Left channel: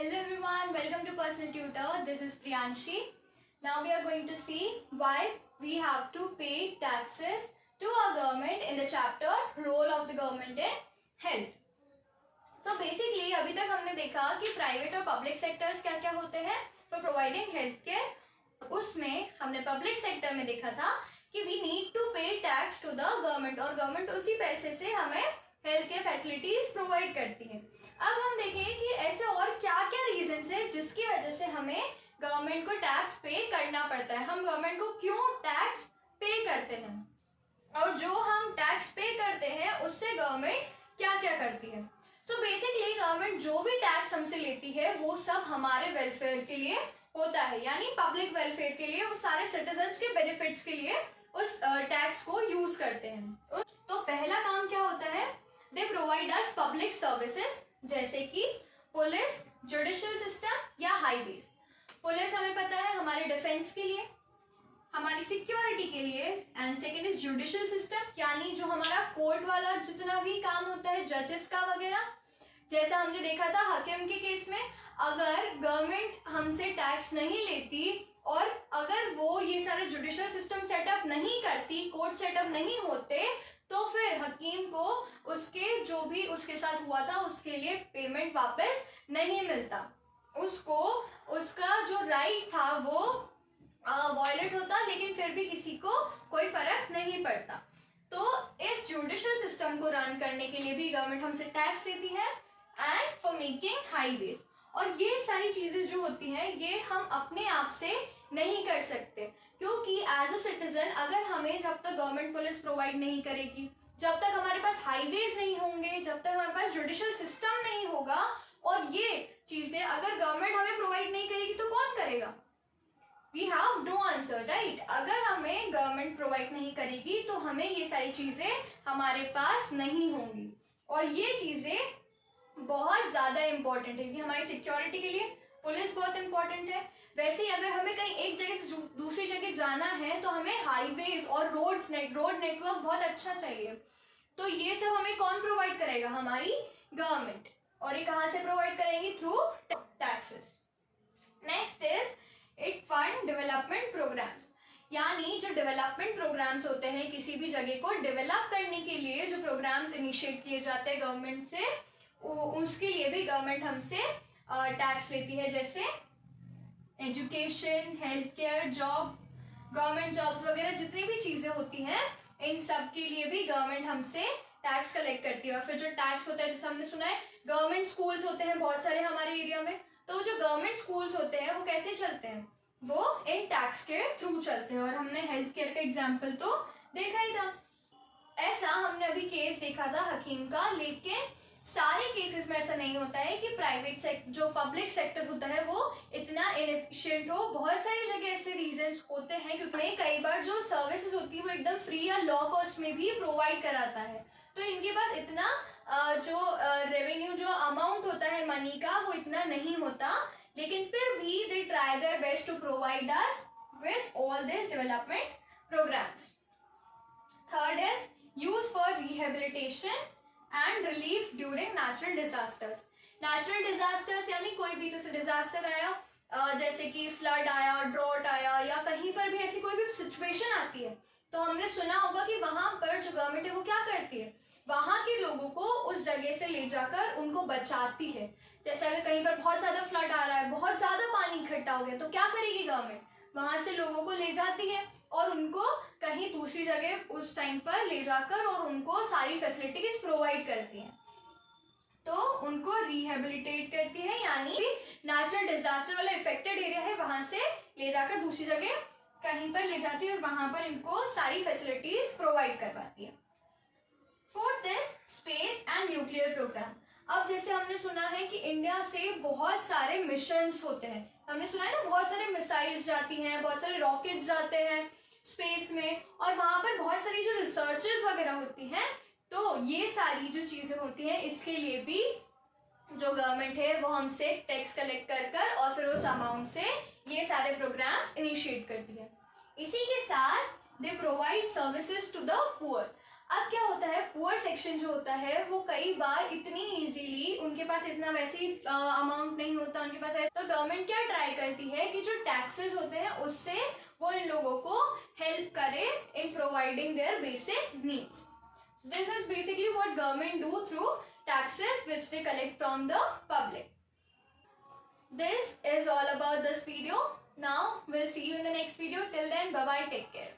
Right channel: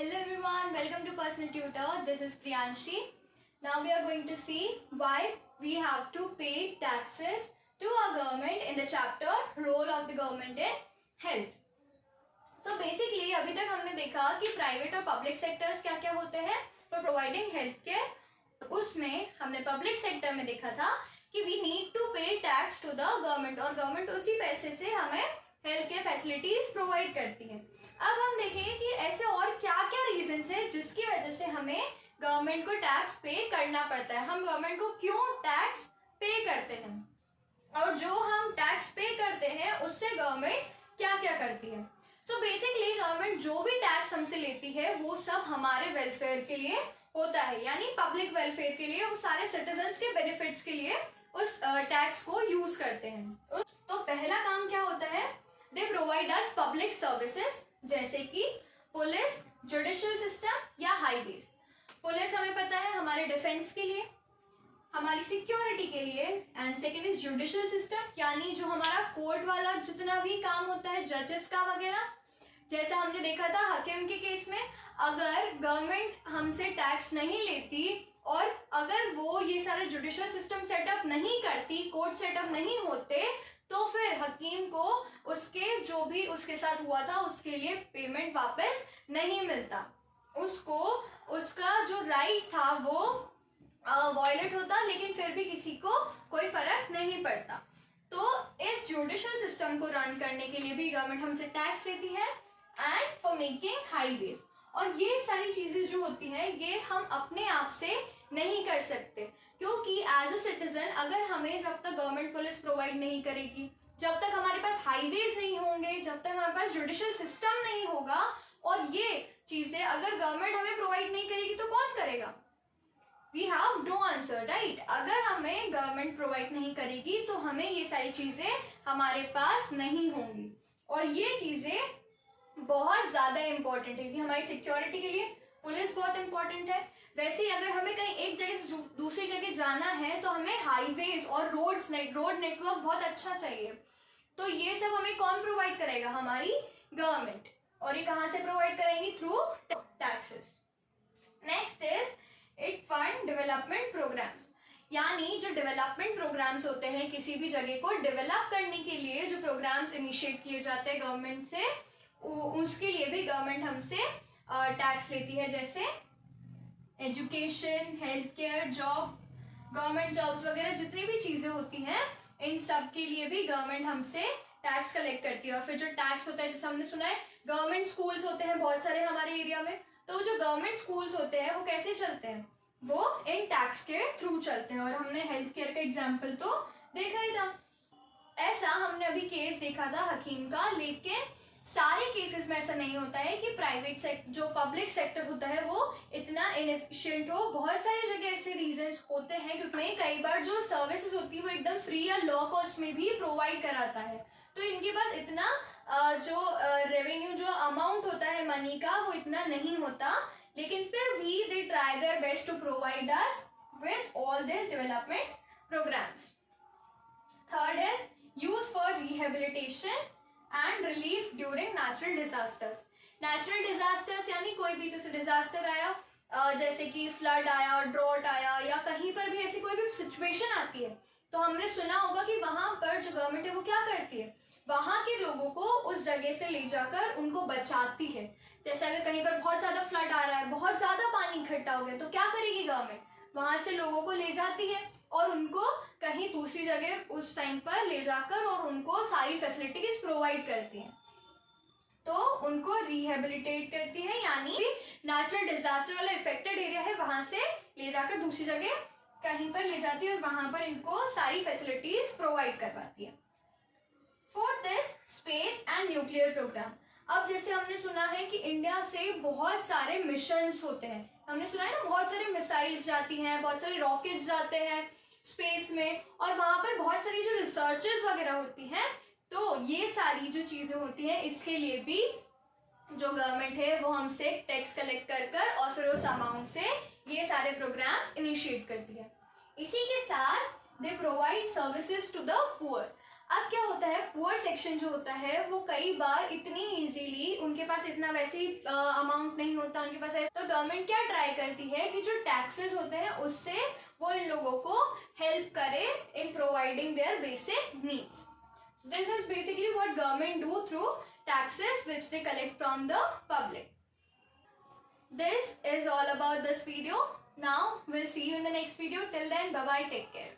Hello everyone, welcome to Personal Tutor. This is Priyanshi. Now we are going to see why we have to pay taxes to our government in the chapter Role of the Government in Health. So basically अभी तक हमने देखा कि private और public sectors क्या क्या होते हैं फॉर प्रोवाइडिंग हेल्थ केयर. उसमें हमने पब्लिक सेक्टर में देखा था कि वी नीड टू पे टैक्स टू द गवर्नमेंट और गवर्नमेंट उसी पैसे से हमें हेल्थ केयर फैसिलिटीज प्रोवाइड करती है. अब हम देखेंगे कि ऐसे और क्या क्या रीजंस है जिसकी वजह से हमें गवर्नमेंट को टैक्स पे करना पड़ता है. हम गवर्नमेंट को क्यों टैक्स पे करते हैं और जो हम टैक्स पे करते हैं उससे गवर्नमेंट क्या क्या करती है. सो बेसिकली गवर्नमेंट जो भी टैक्स हमसे लेती है वो सब हमारे वेलफेयर के लिए होता है, यानी पब्लिक वेलफेयर के लिए, उस सारे सिटीजन्स के बेनिफिट्स के लिए उस टैक्स को यूज करते हैं. तो पहला काम क्या होता है, they provide us public services जैसे कि पुलिस, जुडिशियल सिस्टम या हाईवेज. पुलिस हमें पता है हमारे डिफेंस के लिए, हमारी सिक्योरिटी के लिए, and second is judicial system यानी जो हमारा कोर्ट वाला जितना भी काम होता है जजेस का वगैरह. जैसा हमने देखा था हकीम के केस में, अगर गवर्नमेंट हमसे टैक्स नहीं लेती और अगर वो ये सारे जुडिशियल सिस्टम सेटअप नहीं करती, कोर्ट सेटअप नहीं होते, तो फिर हकीम को उसके जो भी उसके साथ हुआ था उसके लिए पेमेंट वापस नहीं मिलता. उसको उसका जो राइट था वो वॉयलेट होता, लेकिन फिर भी किसी को कोई फर्क नहीं पड़ता. तो इस जुडिशियल सिस्टम को रन करने के लिए भी गवर्नमेंट हमसे टैक्स लेती है एंड फॉर मेकिंग हाईवेज. और ये सारी चीजें जो होती हैं ये हम अपने आप से नहीं कर सकते, क्योंकि एज अ सिटीजन अगर हमें जब तक गवर्नमेंट पुलिस प्रोवाइड नहीं करेगी, जब तक हमारे पास हाईवेज नहीं होंगे, जब तक हमारे पास जुडिशियल सिस्टम नहीं होगा और ये चीजें अगर गवर्नमेंट हमें प्रोवाइड नहीं करेगी तो कौन करेगा? We have no answer, right. अगर हमें गवर्नमेंट प्रोवाइड नहीं करेगी तो हमें ये सारी चीजें हमारे पास नहीं होंगी. और ये चीजें बहुत ज्यादा इंपॉर्टेंट है कि हमारी सिक्योरिटी के लिए पुलिस बहुत इंपॉर्टेंट है. वैसे ही अगर हमें कहीं एक जगह से दूसरी जगह जाना है तो हमें हाईवेज और रोड नेटवर्क बहुत अच्छा चाहिए. तो ये सब हमें कौन प्रोवाइड करेगा? हमारी गवर्नमेंट. और ये कहाँ से प्रोवाइड करेंगी? Through taxes. Next is it fund development programmes, यानी जो डेवलपमेंट प्रोग्राम्स होते हैं किसी भी जगह को डेवलप करने के लिए जो प्रोग्राम्स इनिशिएट किए जाते हैं गवर्नमेंट से, उसके लिए भी गवर्नमेंट हमसे टैक्स लेती है. जैसे education, health care, job, government jobs वगैरह जितनी भी चीजें होती हैं इन सब के लिए भी गवर्नमेंट हमसे टैक्स कलेक्ट करती है. और फिर जो टैक्स होता है जैसे हमने सुना है गवर्नमेंट स्कूल्स होते हैं बहुत सारे हमारे एरिया में, तो जो गवर्नमेंट स्कूल्स होते हैं वो कैसे चलते हैं? वो इन टैक्स के थ्रू चलते हैं. और हमने हेल्थ केयर का एग्जाम्पल तो देखा ही था. ऐसा हमने अभी केस देखा था हकीम का, लेकिन सारे केसेस में ऐसा नहीं होता है कि प्राइवेट जो पब्लिक सेक्टर होता है वो इतना इनएफिशिएंट हो. बहुत सारी जगह ऐसे रीजंस होते हैं क्योंकि कई बार जो सर्विसेज होती है वो एकदम फ्री या लो कॉस्ट में भी प्रोवाइड कराता है, तो इनके पास इतना जो रेवेन्यू जो अमाउंट होता है मनी का वो इतना नहीं होता, लेकिन फिर भी they try their best to provide us with all this development programmes. Third is use for rehabilitation and relief during natural disasters. Natural disasters यानी कोई भी जैसे डिजास्टर आया, जैसे कि फ्लड आया, ड्रॉट आया, या कहीं पर भी ऐसी कोई भी सिचुएशन आती है, तो हमने सुना होगा कि वहां पर जो गवर्नमेंट है वो क्या करती है, वहां के लोगों को उस जगह से ले जाकर उनको बचाती है. जैसे अगर कहीं पर बहुत ज्यादा फ्लड आ रहा है, बहुत ज्यादा पानी इकट्ठा हो गया, तो क्या करेगी गवर्नमेंट? वहां से लोगों को ले जाती है और उनको कहीं दूसरी जगह उस टाइम पर ले जाकर और उनको सारी फैसिलिटीज प्रोवाइड करती है. तो उनको रिहेबिलिटेट करती है, यानी नेचुरल डिजास्टर वाला इफेक्टेड एरिया है वहां से ले जाकर दूसरी जगह कहीं पर ले जाती है और वहां पर इनको सारी फैसिलिटीज प्रोवाइड करवाती है. Fourth is space and nuclear programme. अब जैसे हमने सुना है कि इंडिया से बहुत सारे मिशंस होते हैं, हमने सुना है ना, बहुत सारे मिसाइल्स जाती हैं, बहुत सारे रॉकेट्स जाते हैं स्पेस में, और वहां पर बहुत सारी जो रिसर्चेस वगैरह होती हैं. तो ये सारी जो चीजें होती हैं इसके लिए भी जो गवर्नमेंट है वो हमसे टैक्स कलेक्ट कर और फिर उस अमाउंट से ये सारे प्रोग्राम्स इनिशिएट करती है. इसी के साथ they provide services to the poor. अब क्या होता है, पुअर सेक्शन जो होता है वो कई बार इतनी इजीली उनके पास इतना वैसे अमाउंट नहीं होता उनके पास, तो गवर्नमेंट क्या ट्राई करती है कि जो टैक्सेस होते हैं उससे वो इन लोगों को हेल्प करे in providing their basic needs. This is basically what government do through taxes which they collect from the public. This is all about this video. Now we'll see you in the next video. Till then, bye bye, take care.